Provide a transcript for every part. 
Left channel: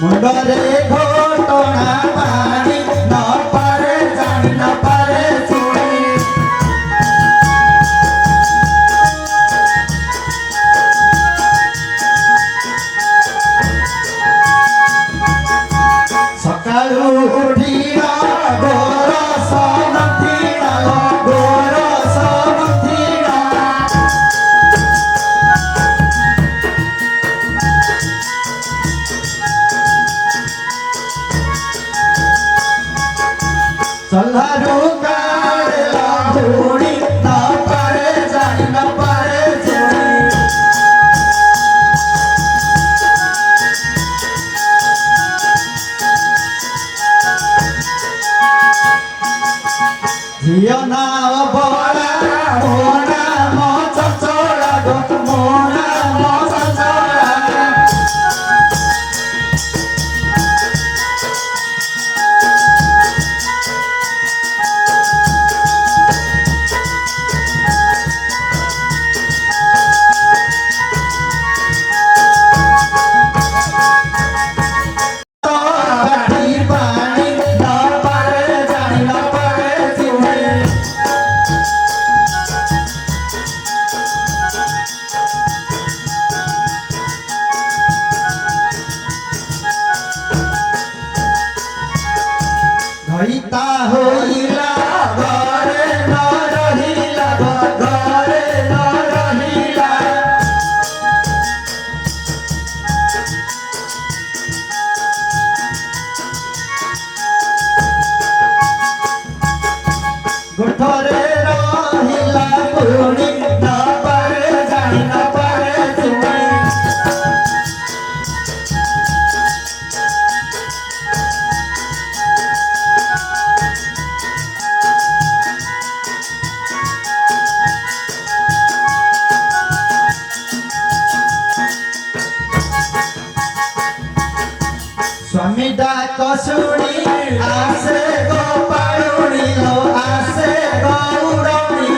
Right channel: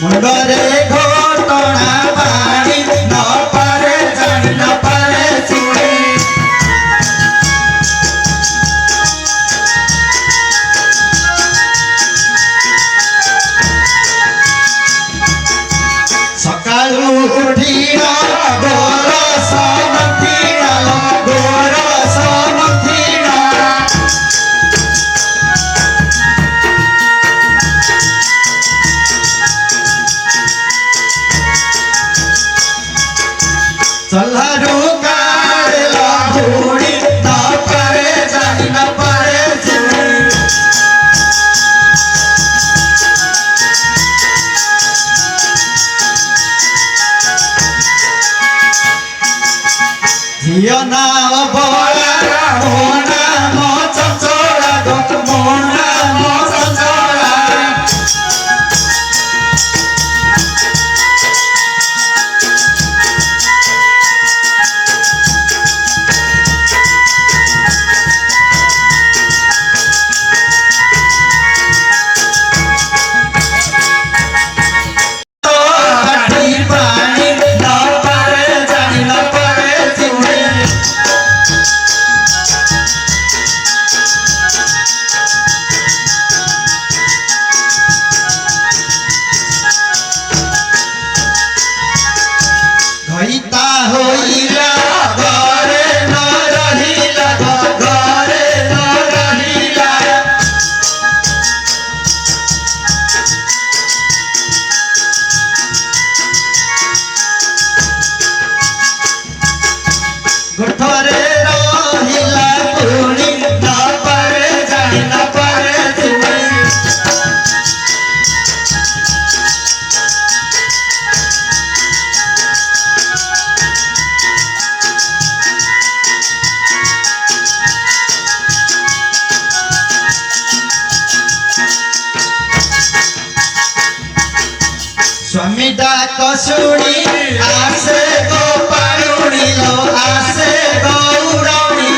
মুন্ডরে ঘটনা বাড়ি ন পারে জানি ন পারে শুনি সকালু উঠিয়া গোরস নথিনা গোরস নথিনা চল্লারু কাড়লা ঘুড়ি না পারে জানি না পারে শুনি ঝিও না বড়া মোনা মচ চড়া গো মোনা মচ চড়া কাঠি পানি না পারে জানি না পারে শুনি ঘইতা হইলা ঘরে ন রহিলা ঘরে ন রহিলা গোঠরে রহিলা পুনি না পারে জানি না পারে শুনি স্বামী ডাক শুনি আসে গো পারুণী লো আসে গৌরণী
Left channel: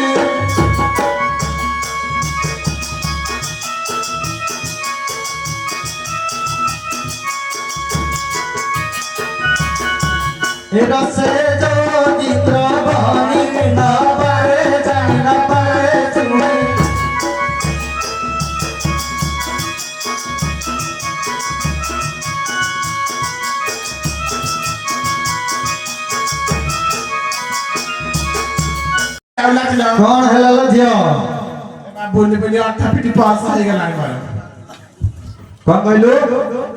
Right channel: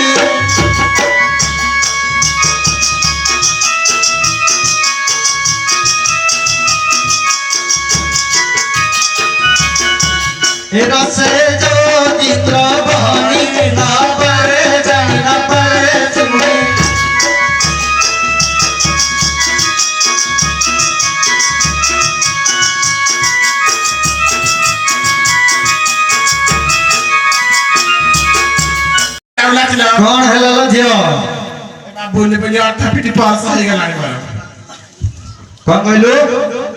এ রসে যদি দ্রবণী না পারে জানি না পারে শুনি कौन हेलो झियो बोलले बोलले आटा पिटी पास आ गलानी मारो कौन कहलु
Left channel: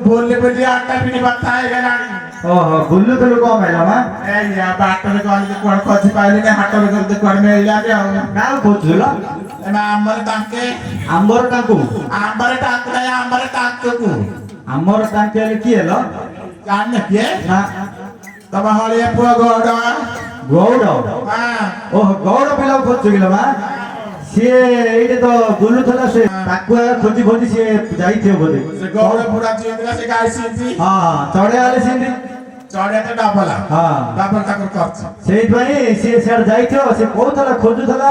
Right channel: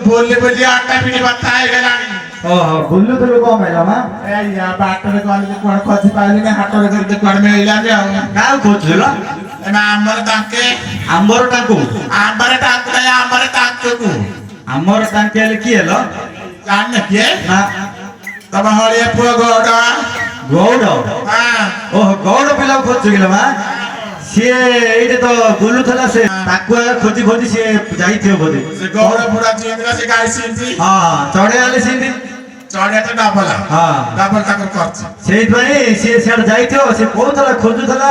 बोलले बोलले आटा पिटी बात आ गलानी ओहो बुल्लु तो कौन कहला मा ए या बाट रे कोन के कोन खसी पाइले ने हाट रे करते कोन में इला के आउ का खोजला एना आंबर ताके आंबर टाकू को आंबर टाकेले की हेलो जान न के ना तब हळिया पुआ गोडा गौड़ हां ओहो गौड़ पिला खोजगिला मा ସିଏ ଏଇଠି ତ ବୁଲୁଥିଲା ସେ ତାକୁ ଖୋଜି ଖୋଜି ସିଏ ଯାଇଥିବ ବୋଧେ से गोडा पुरा जिंदरा से गाय सिंती ହଁ ଚଢେଇ ଆଲେ ସେମିତି चढ़े तो डबला ହଁ डबल तक करछ ସେଇଥିପାଇଁ ସିଏ ସିଆଡେ ଯାଇଥିବ ସେ କହୁଥିଲା ଖୋଜୁଥିଲା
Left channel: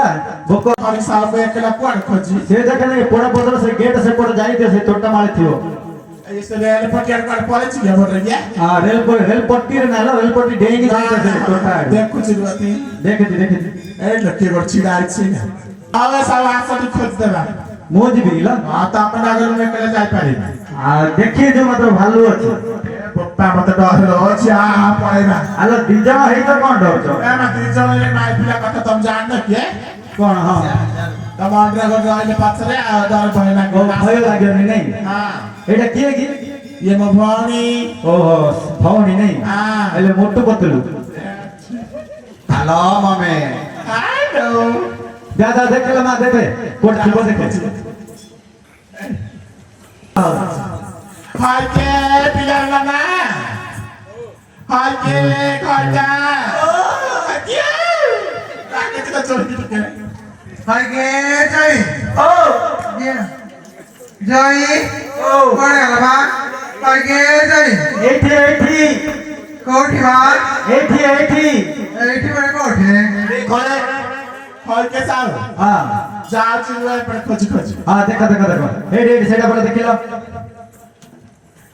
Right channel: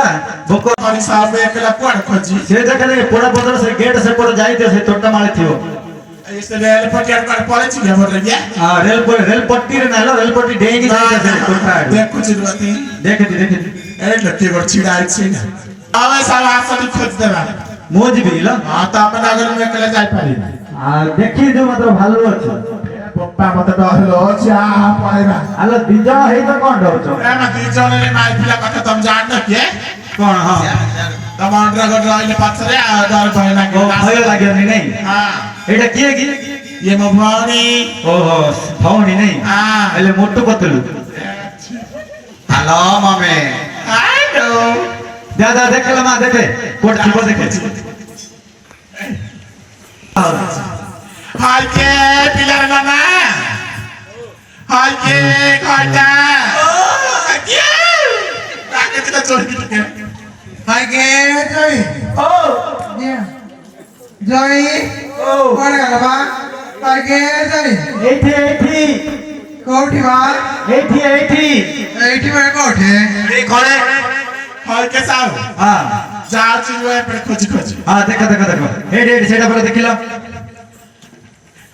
ଭୋକ କରି साहब एकला कोन खोजी ସେ ଦେଖଲେ ପୋଡା ପତ୍ର ସେ ଗେଟ୍ ସେପଟେ ଯାଇଥିବ ସେ ତୋଟା ମାଳେ ଥିବ ऐसे रेल पटिया पर पड़े छी हमर रे ହଁ ରେଲ ପଟ୍ଟିରେ ନାଇଁ ରେଲ ପଟ୍ଟି ଡେଇଁକି ଯାଇଥିବ ସେ ତୋଟା ଆଡେ देख कुछ रुआती ଦେଖେତି ए लट्टी कर छिड़ा छी ना आवे सब आसती खोज देबा ମୁଁ ଯିବି କିଲ हां तो अपन आगे में एकला जाई पारी ଦେଖିଏ ଯୋଉ ମାତ୍ର ଭାଲୁ ଅଛି पप्पा मते डर अछि आ पाइबा ଆଲୋ ଦି ଜଣ ହେଇ ତ କଣ ଡରୁଛ ए म दुई जणले माइ पिला कथा तुम जान न के କଣ ହଁ तम अंडर गड रहले पछरे आ डर भय ଓ लागे ଭୟ ଲାଗିବନି ନାଇଁ हां ଏଇଟା କିଏ କି ये म भणी ଓହୋ ଭଉଣୀ ନାଇଁ हां ହେଲେ ମୋଟୁ ପତଲୁ ହାଲୋ ମାମେ हेलो ଦାଦା ଦେଖିଲ ମା ଦେଖେ କୋଟ ଥିବ ଦେଖେ हाय के पिला ना हाय के खाटा ओ के ताके तो चोरी के हाय के जय ओ जय ओ कोण गेला बा हाय के जय ଏଇଠି कोठी बा ଏଇଠି एठी बा कोठे ଏଇ ଘରେ हाय के साहब ହଁ जाची हुए पर खोजी खोजी ହଁ ଦେଖ ଏଇଠି ସେଇଟା ପରେ ଦେଖିଲ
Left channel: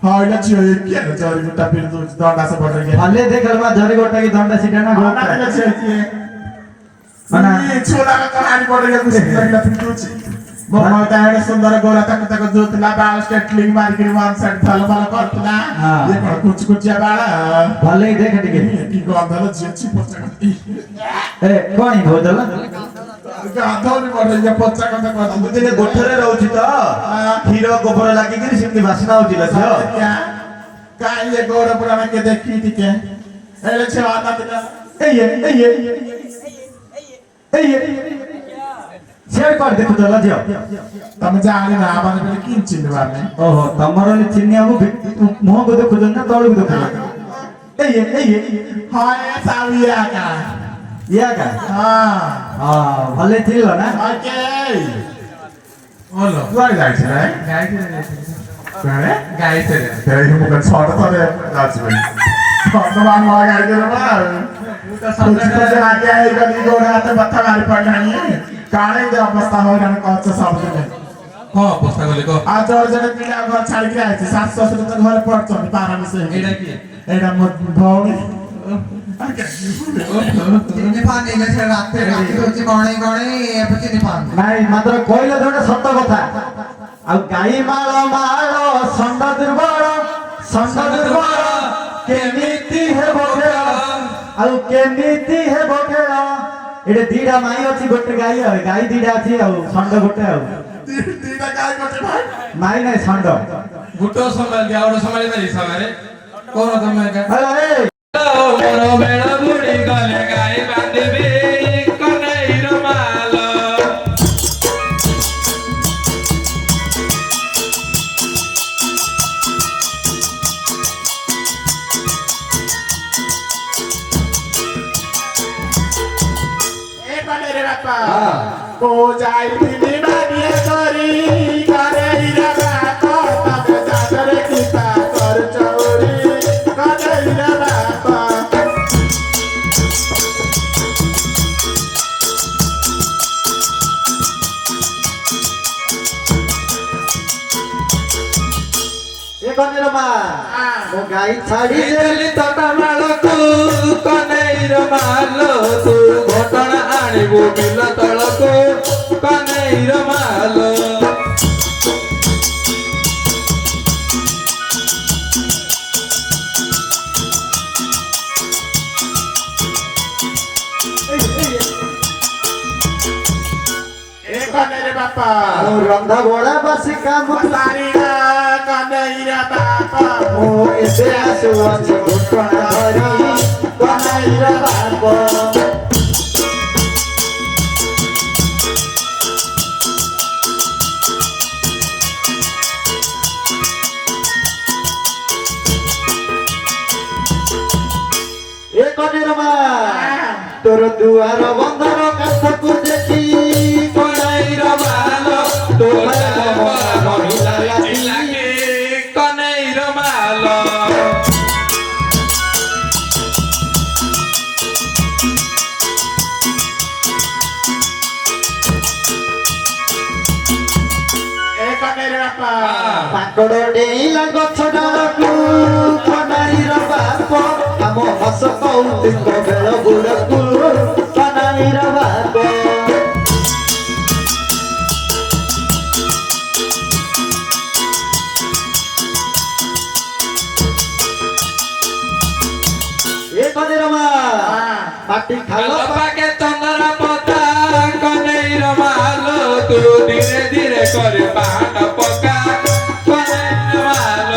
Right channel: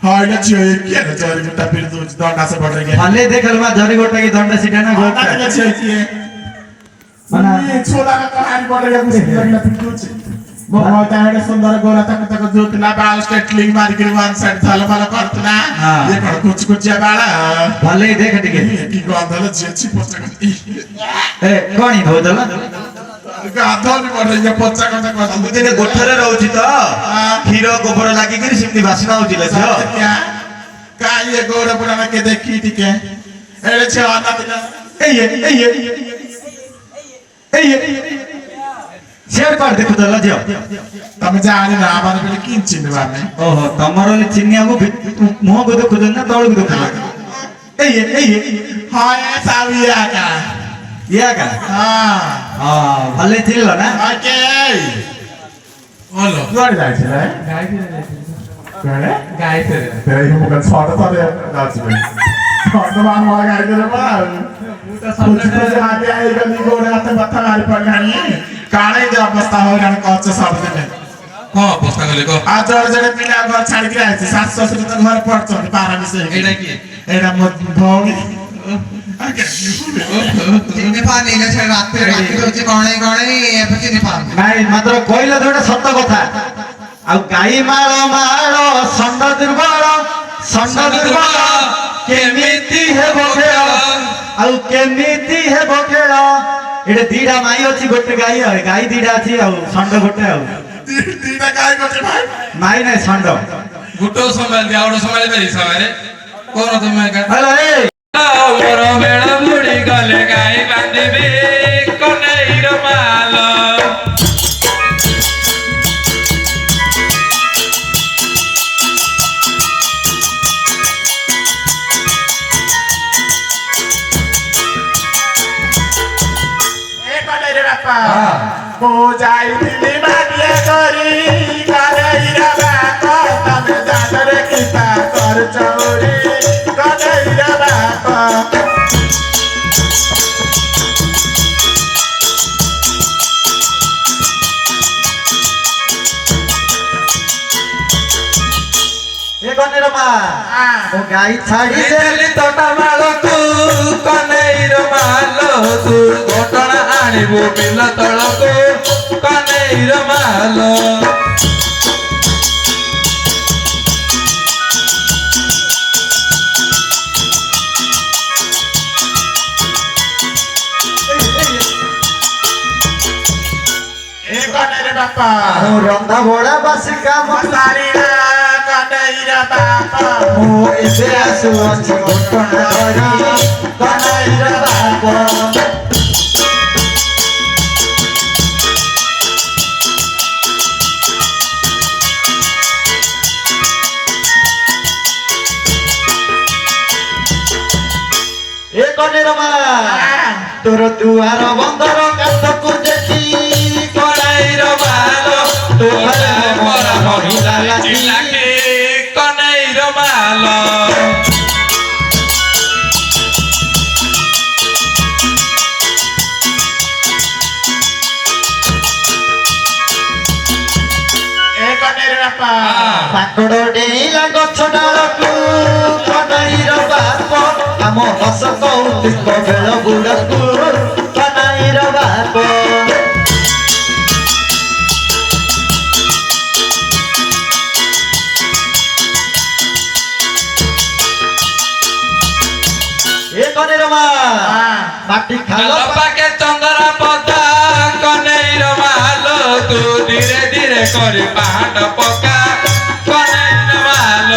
हाय ना चाहिए क्या ना चोरी गुट्टा फिर तो दंडा से पड़ गया भले देखल बा धरी गोटा की दंडा सीटा ना ना गोटा ना चाहिए मना ये छोला का कहानी पड़ गया कुछ लगना फिर कुछ मोहम्मद ताहे सुंदर गोरा तक तक जोतला बाल स्टेटलिंग मार के वन साइड थाला वाला करतला ये कौन कुछ या बाला भले देख टिके की गंधल जेची पोचा ए कोणी भोदला गंधल पड़ गया पोचा का ସବୁଦିନେ ଗୋଠରେ ରହୁଛି ତ କ୍ଷୀର ଗୋବର ଲାଗିକିରି ସେମିତି ବାସ୍ନା ହଉଛି ଲୋ ଝିଅ क्या का ये गोरा पुराना के देखी टिके एले छे आना दिला शेर पार देखु त लज्यो तमे जानी ना माने पे किंचिन बाने ओहो तमरो चिन्नियाको मुह को देखु न तळु देखु हाय साविया का या का हां हां भले थिल ना ओके ओलो कुआरे जाइछ रे कुआरे गाइस तेरे मुख छोड़ तले जाछ भाई छोड़ मान मला गाय दे बा कुछ तो आगे आए गली गोड़ा हाथ बत्ता मारी पड़ानी काणे दे अवस्था हो जान कच्च सब दिन हाँ पोस्ता गले को आ जोर जने पिला घर छाड़ी के आइछ सास ससुर त घर पड़छ पारा मिसे एटा की एटा मत भौणी चिनी पानी ले छे राते राती होचे कोणे कोणे ए चिनी पानी ନାଇଁ ମାତ୍ର କହିଲ ଯୋଉଟା ସତ କଥା ଆଉ ଗାଈ ମାଳ ମାଳ ଷଣ୍ଢ ଦୁର୍ବଳ କେମିତି ହେବ ଖେଳ ଆଉ କେମିତି ହେବ ଖେଳ ଏଟେ ଦିଟା ମାଇ ଅଛି ଗୋଟେ ଗାଈ ଆଉ ଗାଈ ଦିଟା ଅଛି ଆଉ ଷଣ୍ଢ ଗୋଟେ ଆଉ दीदा काय करते भाई ମାଇ ନାଇଁ ଷଣ୍ଢ गुटो संभाल दिया और संभाल मेरी सवारे कौन तुम्हें का ହେଲା ଏ मोर बेड़ा बुड़ी गले गाय बांधबे कन्हैर माल ए कने रे बापा को जाई दिली मानिया करी करे रे बापा तमे जादर किता कर चौरी करे रे बापा ଏ କନେ ରେ ମା ମୋ ଗାଈ ଛାଡି ଦେଲି ତଟା ମାଳକୁ କନ୍ହୈର ମାଲ ତୁ ଘଟଣା ଆଣିବୁ ବିଲ ତଳକୁ କନ୍ହୈର ମାଲ ए कने रे बापा ମୁଁ ରନ୍ଧା ଭୋଳା ବାସି କାମ सारीरा कने रे बापा ମୁଁ ଏବେ ଆସୁଅଛି ଘଟଣା ଧରି କନ୍ହୈର ବାପ ଏ କନେର ମା ତୋର ଦୁଆର ବନ୍ଧର କାଠକୁ ଦେଖି କନ୍ହୈର ମାଲ ତୋର ପରା ମହିଲା ଲାଗି କନ୍ହୈର ମାଲ ए कने रे बापा କାକଡ଼ ଡେଇଁଲା ଗଛ ଡାଳକୁ କନ୍ହୈର ବାପ ଆମ ହସ କୌତୁକ ବେଳ ବୁଡ଼କୁ କନ୍ହୈର ବାପ ଏ କନେର ମା ମାଟି ଖାଲ ପାକେ ଚନ୍ଦନ ପତା କନ୍ହୈର ମାଲ ତୁ ଧୀରେ ଧୀରେ କରି ପାହାଡ଼ ପକା କନ୍ହୈର ମାଲ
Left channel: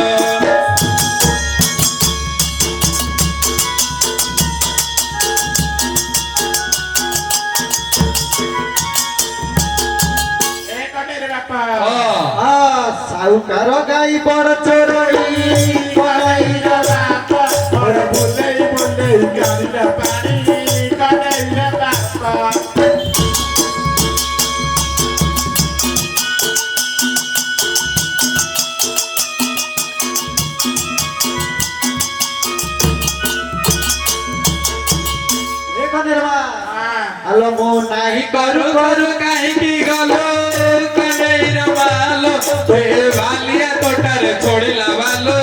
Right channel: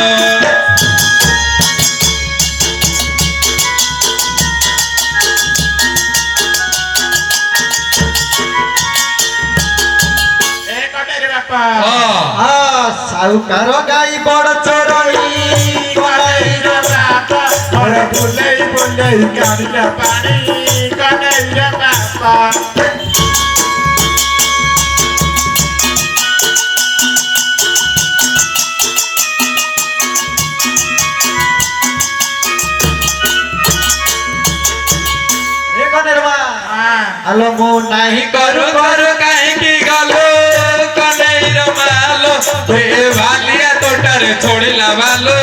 ए कने रे बापा ସାଉକାର ଗାଈ ବଡ଼ ଚୋରଇ କନେ रे बापा अरे बुलेई बुलेई गाड़िया पानी कने रे बापा ଏ କନେର ମା ଆଲୋ ମୁଁ ନାହିଁ କରୁ କରୁ କାହିଁକି ଗଲୁ କନ୍ହୈର ମାଲ ତୁ ଏ ବାଲିଆ ତୋଟାରେ ଛୋଡ଼ିଲା ବାଲୁ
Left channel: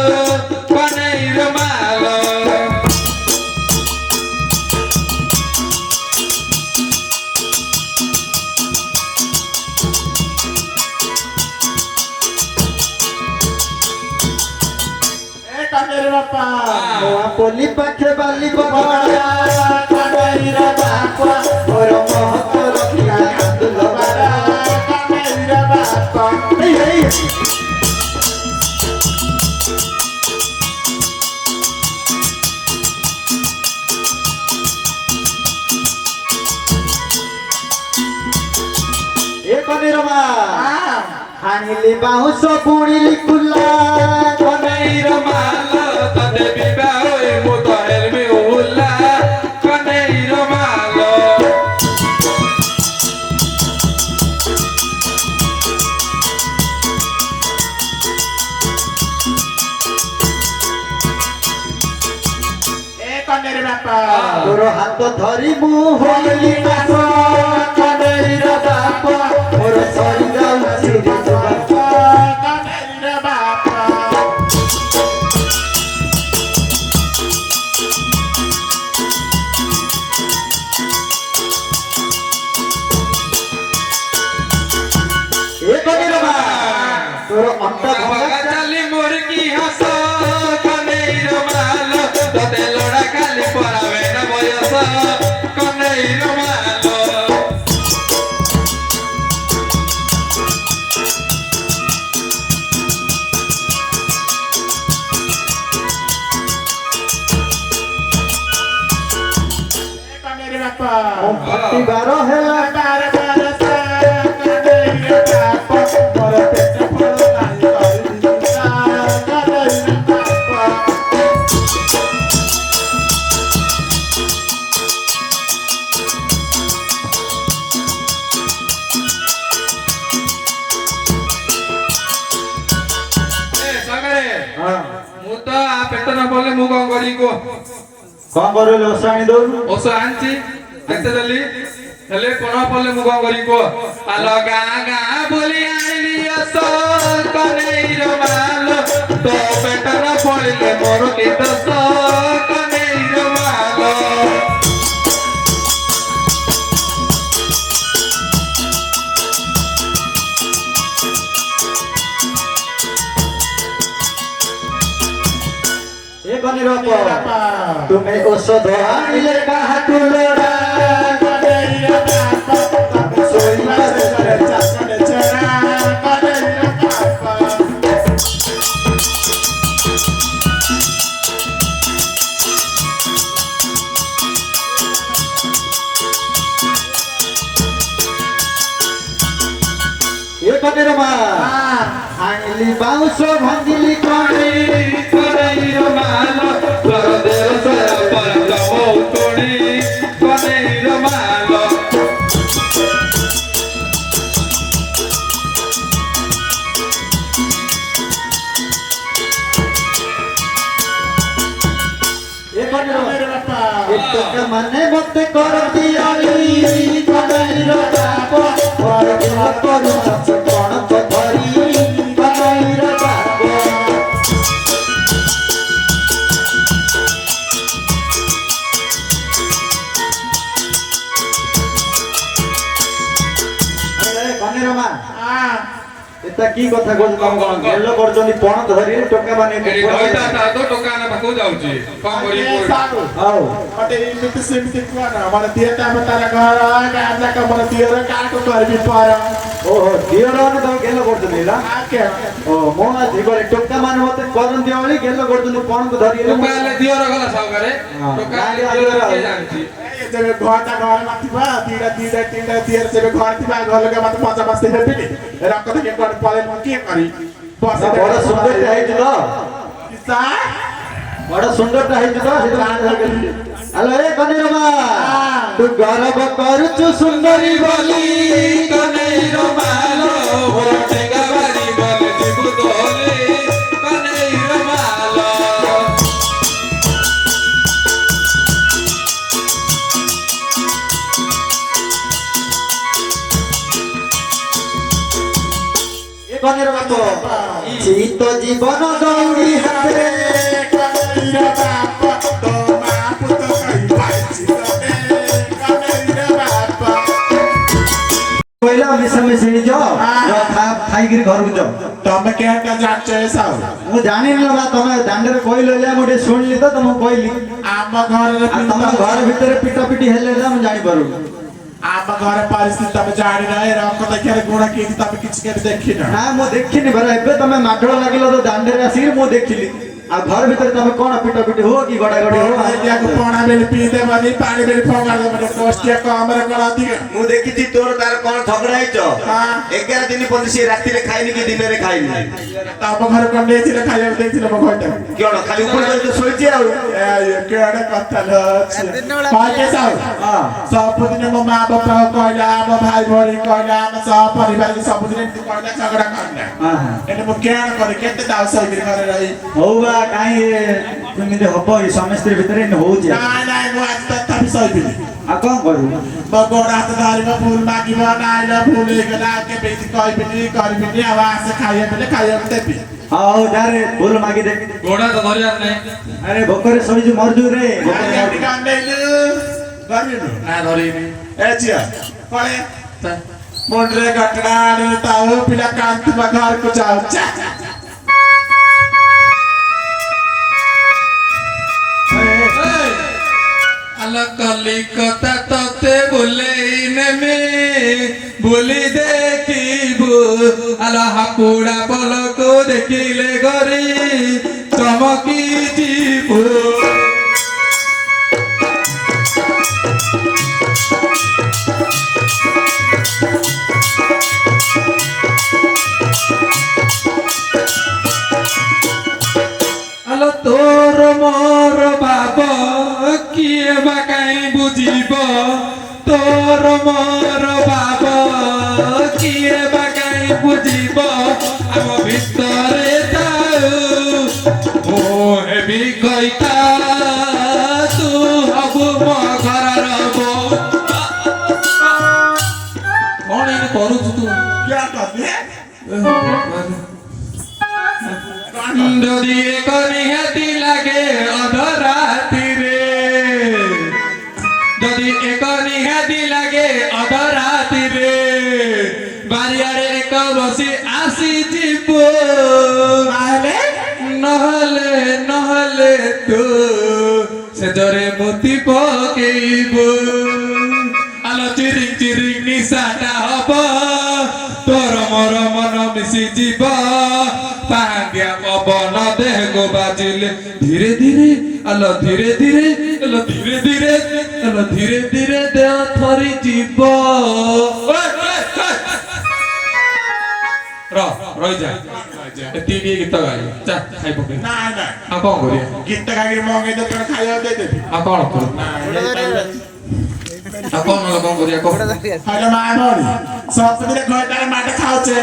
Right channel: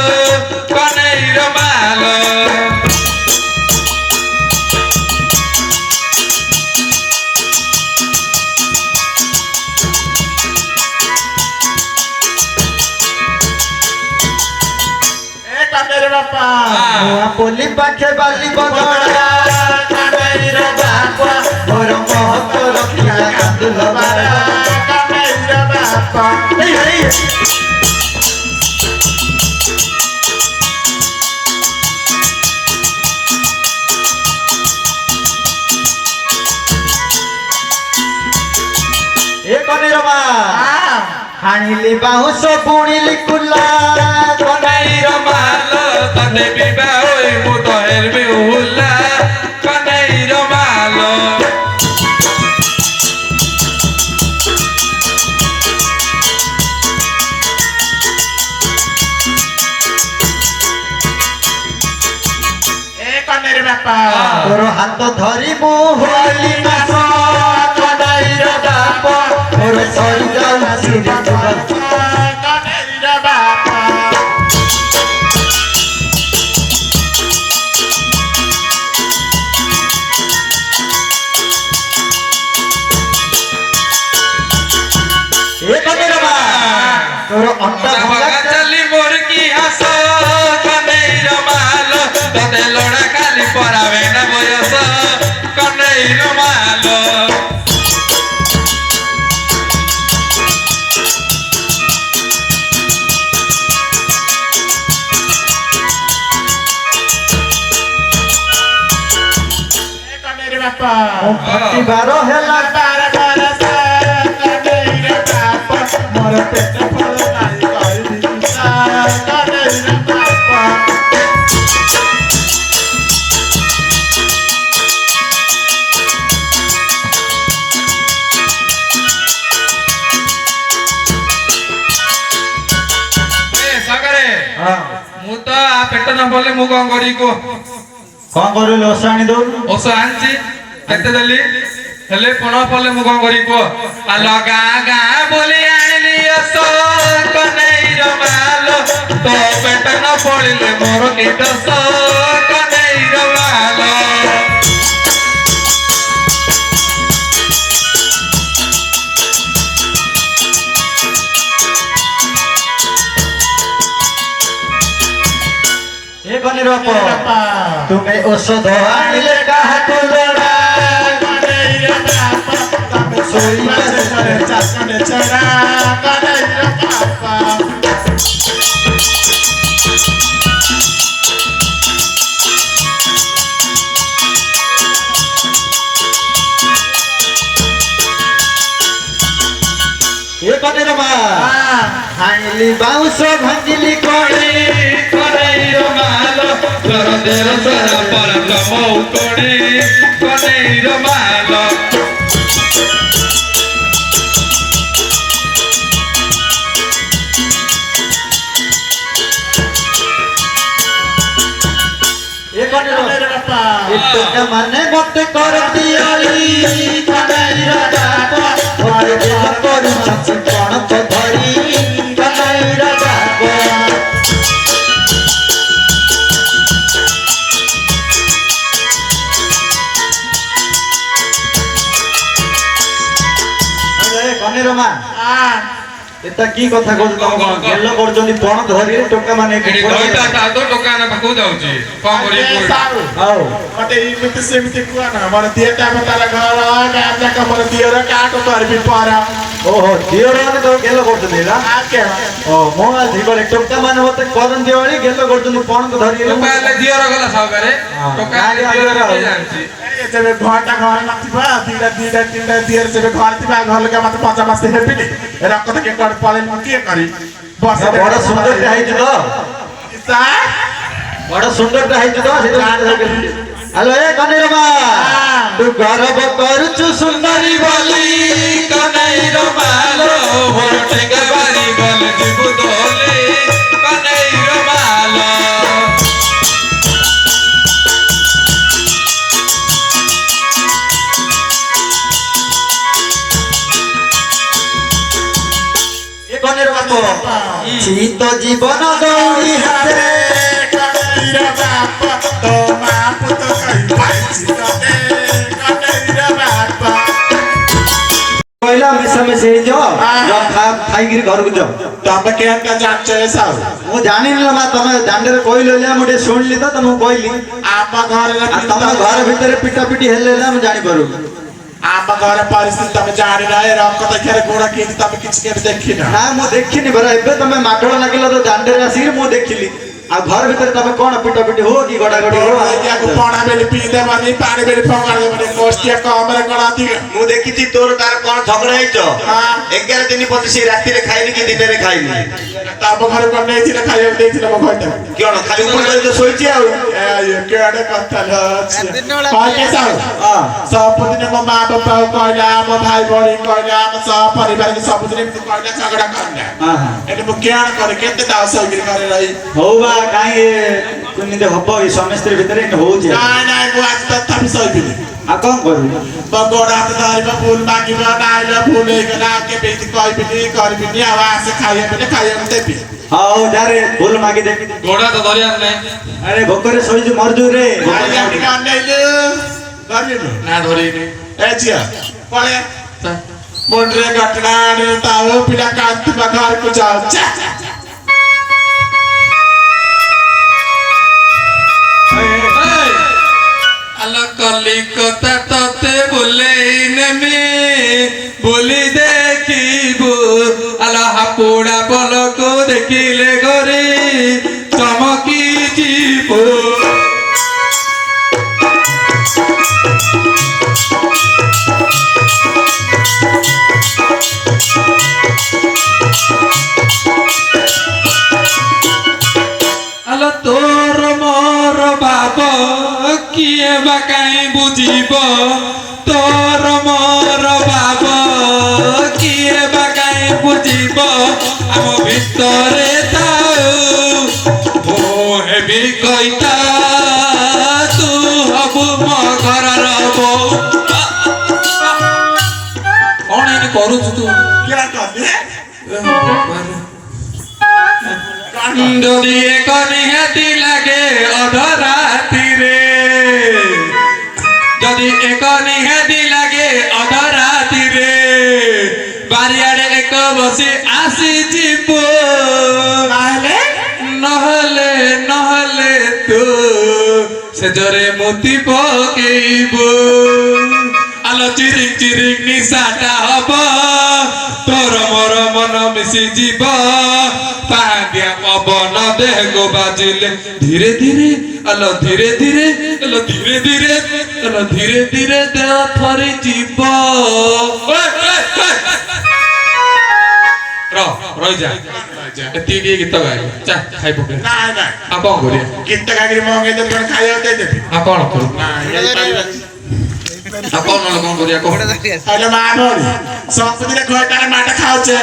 ବାପା ପୋଲି ପାଖେ ବାଲି ବଦଳା କାନେଇର ବାପା ମୋର ମହତ ରଖିଲା କାନ୍ଦୁଲ ବାରା କାନେଇର ବାପା ଏ କନେର ମା ହାଣିଲି ବାଉଁଶ ବୁଣିଲି କୁଲା କନେଇର ମାଲ ତତେ ବିବା ହୋଇ ମୁଁ ତ ହେରବି ଉଲା କନେଇର ମାଲ ଏ କାନେଇର ବାପା ତୋର ହାତ ଧରି ମୁଁ ହୋଇଲି ନାଶ କନେଇର ବାପ ମୋର ସରି ଯାଉଛି କାନେଇର ବାପା ଏ କନେର ମା ତୋର ଅଣ୍ଟ ବାବା ଚାଲି মোর কি হাস কনেইর মাল তোতে লোড়া খালি পরাবে না বয়স কনেইর মাল কানেইর বাপা ପ୍ରତିବାର ହେଲା ବାର ବରଷ କାନେଇର ବାପା ମୋର ପେଟ ଫଳ ନାଇଁ କରିବି କାନେଇର ବାପା ଏ ସାଗରେ ହଁ ମୁଁ ତ ଆ ପେଟ ନ ପଡିଲେ ମୁଁ କଣ କରିବି କଣ କରିଲି ଓଷା ଆଣି ଦଉନୁ ଔଷଧ ଆଣିଛି କେତେ ଦେଲି ହେଲେ ପୁନଃ ପଡିଲେ ମୁଁ କଣ କରିବି କୁହ ଆଲ ଗାଁ ଗାଁ ବୋଲି ଆଣିଲି ଆସ କନେଇର ମାଲ ତୋ ପେଟ ନ ପଡିଲେ ମୋର କି ଦୋଷ କନେଇର ମାଲ ଏ କନେର ବାପ ବାପା ତୁମେ ଔଷଧ ଆଣିଲେ କାହାକୁ ଲୋଡ଼ା କାନେଇର ବାପା ତାକୁ ଶୋଇବା ସେଠାରେ ଚାକଣେ ଛଡ଼ା କାନେଇର ବାପା ଏ କନେର ମା ଆଣିଲି ବାଉଁଶ ଭାଙ୍ଗିଲି କଣେ କନେଇର ମାଲ ତୋର ଦେଶ ପରତମ ଉତୋଡ଼ି କନେଇର ମାଲ ଏ କନେର କାନେଇର ବାପା ଏ ଟୋକା ମାନେ ମତେ କରନ୍ତି ଆଳି କନେଇର ବାପ ଘରେ ଦେହ କରୁଛନ୍ତି କଣ ତ ଧରି କନେଇର ବାପ କନେର ମା এটা কি কথা কହୁଛ ତମ କଣ ଗେଲ କରୁଛନ୍ତି ପଣ ଧରିଲେ ଟୋକା ମାନେ ଏଠି ଦଇଟା ତ ଦୋକାନ ପାଖକୁ ଯାଉଛି କଣ କରିବି କୁହ ହଉ ମତେ ଏମିତି ସେମିତି କୁହ ନା ମୋର ଦିଏଟା ତାର ଘର ଗାଁ ଯାକ ମୋର ଦିଅର କାହାକୁ କରିବି ପର ଓହୋ ଦିଅର ମାନେ ତମ ଗେଲ କରୁଛନ୍ତି ହେଲା ଆଜ୍ଞା ଓ ମୋ ଆଜି ଗଲେ ଟୋକା ମାନେ ମତେ କରନ୍ତି ଭଳି ଗେଲ କରୁଛନ୍ତି ପଣକୁ ଧରିଲେ ଟୋକା ହେଲେ ଦିଅର ଗଲା ସାଉକାରେ ଟୋକା ହେଲେ ଦିଅର କିଏ ଜାଣିଛି ଯେବେ ଘରଟା ଘରେ ନଥିବ ଦିଟା ଦିଅର ଯେବେ ଘରେ ଥିବା ଘର ଲୋକ ମତେ ମଜା ମସ୍ତି ହେବିନି ରକ থেকে କୁଆଡେ ପଳେଇଲି ମୁଁ କିଏ କରି ବସ ବଡ ସୁନ୍ଦରଟା ହେଇଛି ତ ବଡ ସୁନ୍ଦରଟା ହେଇଛି ତ ହ୍ୟାଲୋ ଏ କନେର ମା ତୁ ଗର୍ବ କରୁଛୁ ସୁନ୍ଦରୀ ବୋଲି କନେଇର ମାଲ ମୋର ଟେଙ୍ଗା ବାରି ଗଲେ ଯିବୁ ଦୋଲେ କନେଇର ମାଲ ଏ କନେର ବାପ ଶୀତ ଜୀବନ ଦୌଡ଼ି ହାତରେ କନେଇର ବାପା ତୋ ମା ପୁତ କହି ପାଇଛି ତତେ କନେଇର ବାପା କହିଲା ମିଶାମିଶି ହେଇଯାଅ ଖାଇ ଲାଗିକିରି ଘରକୁ ଯାଅ ତମେ କେନ୍ତା ଜାଣିଛ ଏ ସାଉ ମୁଁ ଜାଣିନି ବା ତମେ ଦାଣ୍ଡରେ କହିଲ ମୁଁ ଟିକେ ଶୁଣିଲି ତ ତମକୁ କହିଲି ଆମ ଘରେ ଆଉ ତମ ଘର ଭିତରେ ପିଟା ପିଟି ହେଲେ ନା ମୁଁ ଜାଣିପାରୁନି ଆମ ଘର ପରିସ୍ଥିତି ତମେ ଜାଣିନ ଏ ରଙ୍ଗ ଦେଖିବାରେ ଗୁଣ କେମିତି ତମେ କିଛି କେବେ ଦେଖିନ ନା ମୁଁ ଦେଖିନି ପରା ଏବେ ତମେ ମାଡଳ ଲାଗିଲା ତ ଦାଣ୍ଡରେ ଆସିକି ମୁଁ ଦେଖିଲି ଆଉ ଘର ଭିତରେ ତମେ କଣ ପିଟା ପିଟି ହୁଅ କି ଗଡା ଗଡି ହୁଅ ପଣା ବେଲି ପିଇ ଦେବନି ପାଣି ବେଲି ଫୋପାଡ଼ି ଦେବନି କୋଷ୍ଟିଆ କମରେ କଣ ଅଧିକ ମୁଁ ଦେଖିଛି ତୋର ତାର କଣ ଝଗଡା ହେଇଛ ହଁ। 11 ଦିନ ପର୍ଯ୍ୟନ୍ତ ସେ ରାତିରେ ଖାଇନି କି ଦିନରେ ଖାଇନି ତମ ଘରେ କଣ ନେଇଥିଲେ ଖାଇବାକୁ ଦେଇଥିଲେ ମୋ ଘରଟା କଣ ଖାଲି ଉପରେ ତ ଶୋଇଛି ଆଉ କେଡେ କଥା ସବୁଦିନ ମୋ ମା ବାପା କହିଲା ମୋ ଭାଇ ଭଉଣୀ କହିଲା ଆମ ସହ ପରିବାର ସବୁଦିନ ଏମିତି କହିଲା ଝଗଡା କହିଲା ଏଠି ମୁଁ କେଣ କରେ କେତେ ଦାସ ହେଇକିରି ଘରେ ରହି ହଉ ବା କାହିଁ କେମିତି ହବ ଏଇ ସମସ୍ତେ ଭିତରେ ଏମିତି ହଉଛି ନାଇଁ ନାଇଁ ମୁଁ ଆଜି ତଥାପି ସହିବିନି ଆଉ କଣ କରିବି ମୋ ଗୋଡ ହାତ ଧରିବ ଭୁଲ ମାଗିବ ନାଇଲ ଭୁଲ ହେଇଗଲା ଆଉ କେବେ କହିବିନି କରିବିନି ଆଉ ଆସେ ଖାଇବାକୁ ଦେବି ହଉ ଯାରେ ଭୁଲ ମାଗିଦେବି ଗୋଡ ତ ଧରିବାର ନାହିଁ ଆରେ ଭୋକରେ ଶୋଇଛୁ ମରଜୁ ରେ ଟିକେ ଅନେଇଲୁ ଧରିଲୁ ନା ଧରିନି ଏ ଝିଅ ପଳେ ମୁଣ୍ଡରେ ଘଟଣା ଆଣି ତାଉ ପିଲା କାନ୍ତିବା ଘରକୁ ଯାଉ আলো কলিকতা ততে বুলেই নেমি বুলি দেখিবু আলো হাপুড়া বলকু দেখিলে গরি চমকি ଯିବୁ আলো তোর মোর বাবা কিয়ে বা কাই বুঝিব তোর মোর বাবা কিয়ে বা কাই বুঝিব আম ভিতরে তাও ও হেবি কইতা তু হবু মো ঘরর বউ কোন এনে করুছু তু দড়িয়ে কনিহাতি লাগে অধরাতিরে যদি এক নিহাতি লাগে অধরাতিরে বারিয়ারে এক বসে আসি যাব নহলে নহলে তো সেজরে মতি পকেইব আলো চিরিক চিরিক নিশাটা হব তোর মর মন মিশি যাব পাগিয়া পবন দেহ বাজিলে ধীরে ধীরে আলো ধীরে ধীরে আলো ধীরে ধীরে আলো ধীরে ধীরে দেহ থরি যাব রই যা এতিকি গীত গাই চা খাই পকে ନାଇଁ ନାଇଁ আ কোন করি ଗୀତ ଗାଇକିରି ମଙ୍ଗେଇ ଦେବି କଣ ଖାଇବାକୁ ଦେଇଦେବି আ কোন করি আ কোন করি কোন ହେଲେ ମା ଭଉଣୀ ସବୁଦିନ ଘରଟାରେ ମାଟ ଖାଉଛେ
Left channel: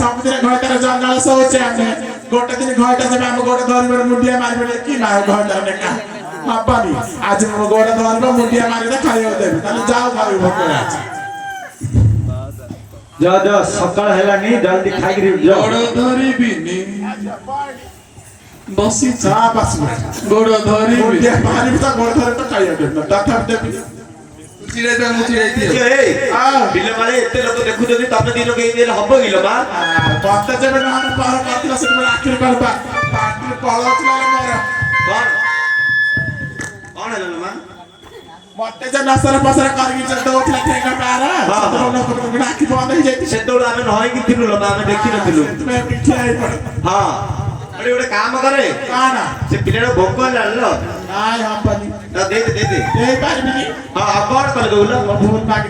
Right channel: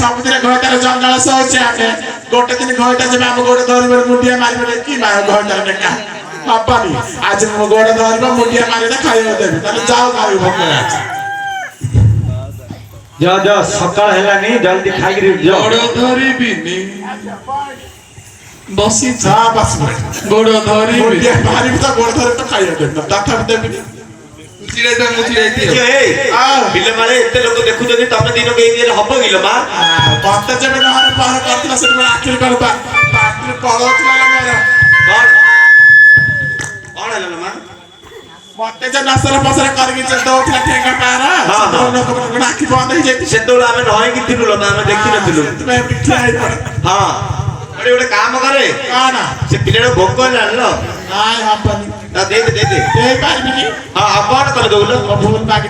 ସବୁଦିନ ଘରଟାରେ ଜଙ୍ଗଲ ଶୋଉଛେ ଆମେ ଗୋଟେ ଦିନ ଘରଟା ଯିବେ ଆମ ଗୋଡ ଧରିବରେ ମୁଣ୍ଡିଆ ମାରିବେ କି ମା ଘରଟା ଟେକା ହବନି ଆଜି ମୋ ଗୋଡ ଧରିବ ମୁଣ୍ଡିଆ ମାରିଲେ ଖାଇବାକୁ ଦେବି ତାହେଲେ ଯାଉ ଖାଇବୁ ଭୋକ ଅଛି ଯା ଯା ସକାଳ ହେଲାନି ଜଲ୍ଦି ଖାଇକିରି ଯାଅ ଗୋଡ଼ ଧରିବିନି ବସିଛି ହଁ ବସିବ ଗୋଡ଼ ଧରିବି ମୁଣ୍ଡିଆ ମାରିବି ତ ଗୋଡ ଧରିବି ତ ଖାଇବାକୁ ଦେବି ତଥାପି ଦେବିନି ଚିଡ଼େଇତେ ମୁଁ ଚିଡ଼େଇଥିଲି ବିଲ ମାଳେ ଏତେ ଲୋକ ଦେଖୁଛନ୍ତି ତମେ ଦିନ କେଇ ଦିନରେ ହବ କିଲୋ ମା ମତେ ଯେବେ ନହେଲେ ପହର କରିଥିଲା ସେତେବେଳେ ଆଖିରେ କଣ ପାଟିରେ ପଳଉଥିଲା ମୋର କଣ କଣ ହେଲା ମା ମତେ ଯେ ନସର ଫସର କରିକି ଦଉଥିଲା ଠେଙ୍ଗା ପାର ଲୋକଙ୍କର ଆଖି ବନ୍ଦ ହେଇଯାଇଛି ସେତେବେଳେ ଆମେ ନହେଇକି ଥିଲୁ ଲୋକ ଆମେ ଦେଖିନଥିଲୁ ସେଥିପାଇଁ ପିଠା ହେଇପଡେ ହଁ ଗୋଟେ କାମ କରେ କଣ ସେ ପିଲାଟା ଭୋକ ହେଲାଣି ଲୋ ନାଇଁ ହବନି ନା ଦେ ଦେଇପାରିବିନି ହଁ ଆଉ କଣ କଲେ ଦଉଲ ଭୁଲ ମାଗି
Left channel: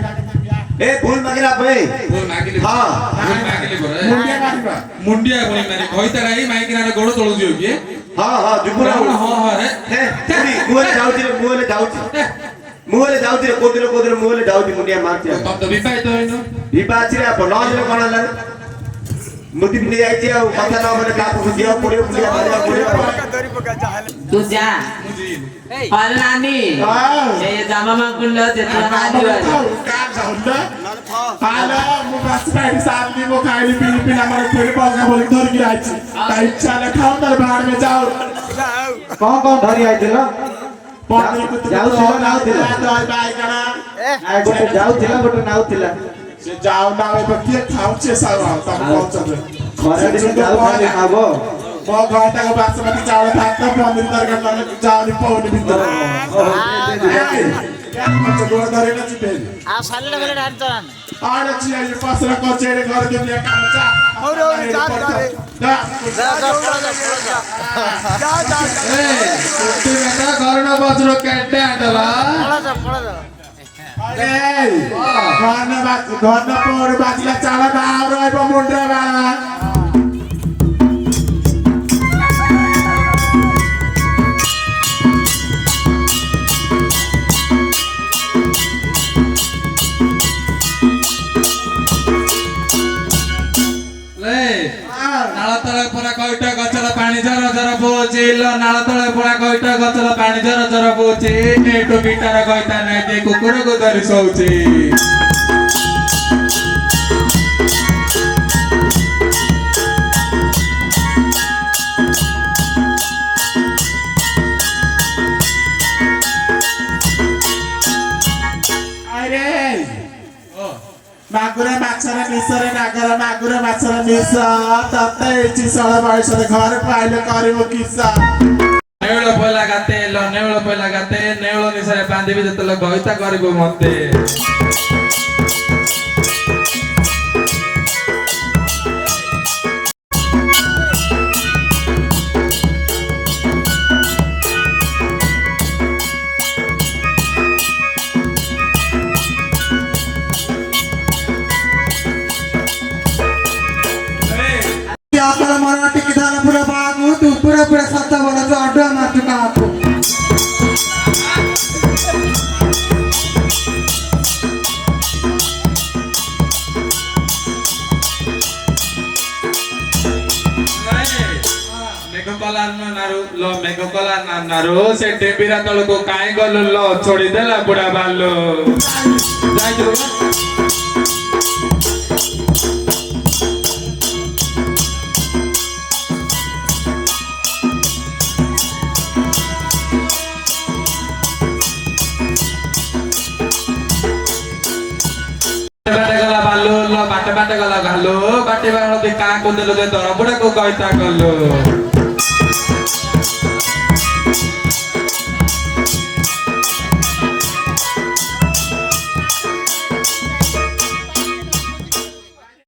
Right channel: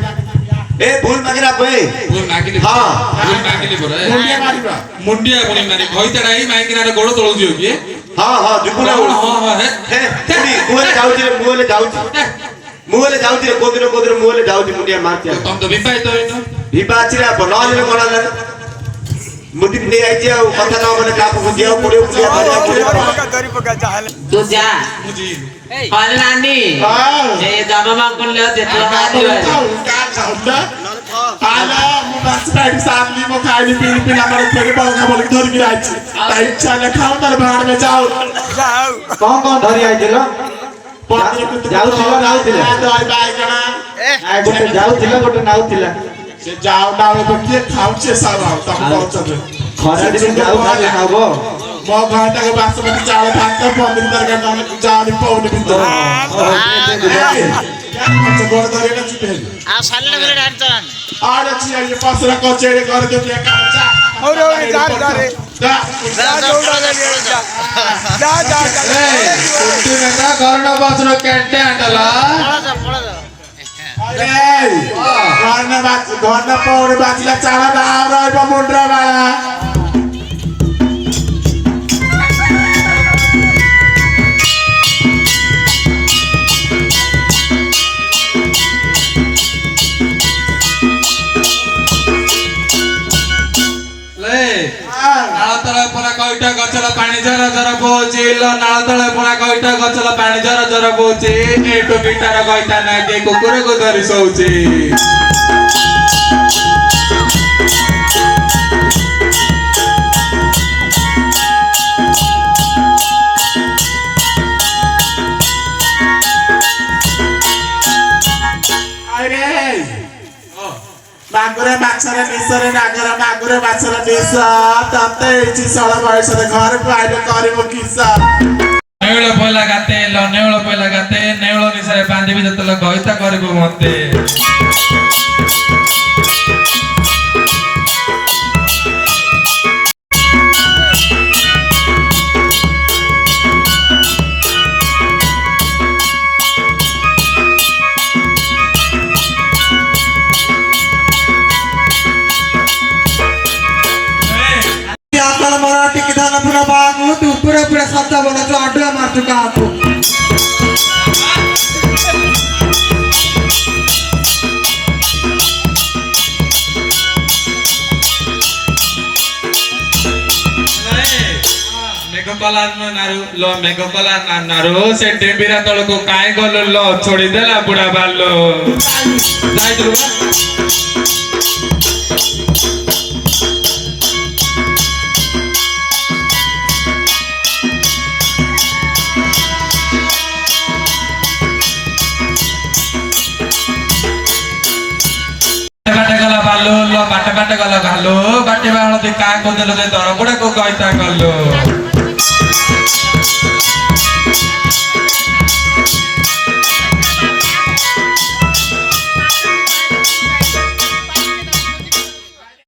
ଏ ଭୁଲ ମାଗିଲେ ଆପେ ଭୁଲ ମାଗିଲି ହଁ ଭୁଲ ମାଗିଲି ପରା ମୁଣ୍ଡିଆ ମାରିବା ମୁଣ୍ଡିଆ ପୁଣି ମାରି ଘଇତାଟା ହେଇ ମାଇକିନା ଗୋଡ଼ ତଳକୁ ଯିବ କି ହଁ ହଁ ଯିବୁ ନା ହଁ ହଁ ହେ ମୁଁ ଯାଉଛି ମୁଁ ଯାଉଛି କୋଦିନ ମୁଁ ଯାଉଛି ମୁଣ୍ଡିଆ ମାରଛି ତମ ତ ବିବାହିତ ହେଇନ ଭିପା ଅଛି ରେ ଆପଣ ନହେଲେ କଣ ହେଲା ମୁଦି ନେଇ ଆଇଛି ଆଉ କଥା ନ ମାନେ କାହାକୁ ବୁଝିବାକୁ ପଡିବ ମୁଣ୍ଡିଆ ମାରିବାକୁ ପଡିବ तू जा ବୁଝି और नानी ये जमा कुल ले तू नानी वाली ତାହେଲେ ମୁଁ ବାସିଟାଇମ୍ ସାଥି ମୋ ଖାଇଲି ପିଇଲି ପିଲା ମୋର ଫେରି ବଗା ବୋଲି ଧରିକି ଆଇଛି ତା ଇଚ୍ଛା ହେଲେ ଖାଉ ତାହେଲେ ବାହାରକୁ ଯାଉ କଣ ଧରି ଆଇଥିଲ ଯାଉଥିଲା ନାଉଥିଲା ଗୋଟେ ଯାଉଥିଲା ଗୋଟେ ନାଉଥିଲା ସେ ଯାଉ ନା କିଏ ଖାଉଛି ସାର ତମେ କହୁଛନ୍ତି ଖରା ଦିନେ ଯାଉ ଖାଲି ଖାବ ମୋ ଘରଟାକୁ ବାସୁମତୀ ଚାଉଳ ଭାତ ପନିର ତରକାରୀ ତମେ ଚାଉଳ ପଉଡ ଭିତରେ ଗୋଡ଼ ଧରିଲେ ଯିବେ ଆଉ ସାଲେଟ ଫାଲେଟ ଆଣି ତରାନ ଆରେ ଝିଅ ପସର କଚେରୀ ଘର ଦୁନିଆ କାମ ଚା ଘରಣ ବସର କେଟେ ଆଣ୍ଡଲା ଘର ପଉଡ ବାଜିଲା ଚାଳ ଦାଉ ରହିବ ମୁଣ୍ଡ ବାଳା ନାଳ ତଳେ ପରା କଇଟା ଗଛର ପାଣି ଜର ଜର ବୋହୁଛି ନାଳ ତଳେ ପରା କଇଟା ଗଛର ପାଣି ଜର ଜର ବୋହୁଛି ଏଠୁ ବିଟାର କଇଟା ନାଇକି କୁକୁରକୁ ଧରି ଶୋଉଛି ନାଗୁରେ ମାଛରେ ନିଶରେ ନାଗର ନାଗୁରେ ମାଛରେ ନିଶ ତତେ ହେଇଛି ଷୋଳ ବୟସରେ ଘରକୁ ଆଇଲେ କରିବ କିସ ନେଉଳ ପଇଲା ଗାତେ ନେଉଳ ପଇଲା ଗାତେ ନେଉଳ ନିଶାରେ ବାନ୍ଧିବି ଯେତେବେଳେ ଗଇତା କରିବୁ ମତେ ଆପଣ ମନ ଟିକେ ଧାନ ପୁରା ବାଗୁ ତୁ ପୁରା ପୁରା ସତ୍ୟ ବନ ତୁ ଆଡୁଆ ମାରତୁ କାହାକୁ ମେଘକଲା ନାରୁ ସେ ଡେବିରା ତଳକୁ କାଇଁ ଗଲୁ ଲ ଛୋଡ଼ି ଦେଲା ବୁଢା ବାଲ ଯାଇଥିଲୁ ବାଟେ ଗଲା ଗାଲୁ ବାଟେ ବାଣତି କାଁ କୋଦେଲୁ ଯେ ଦର ବୁଢାକୁ କହିତା ଗଲୁ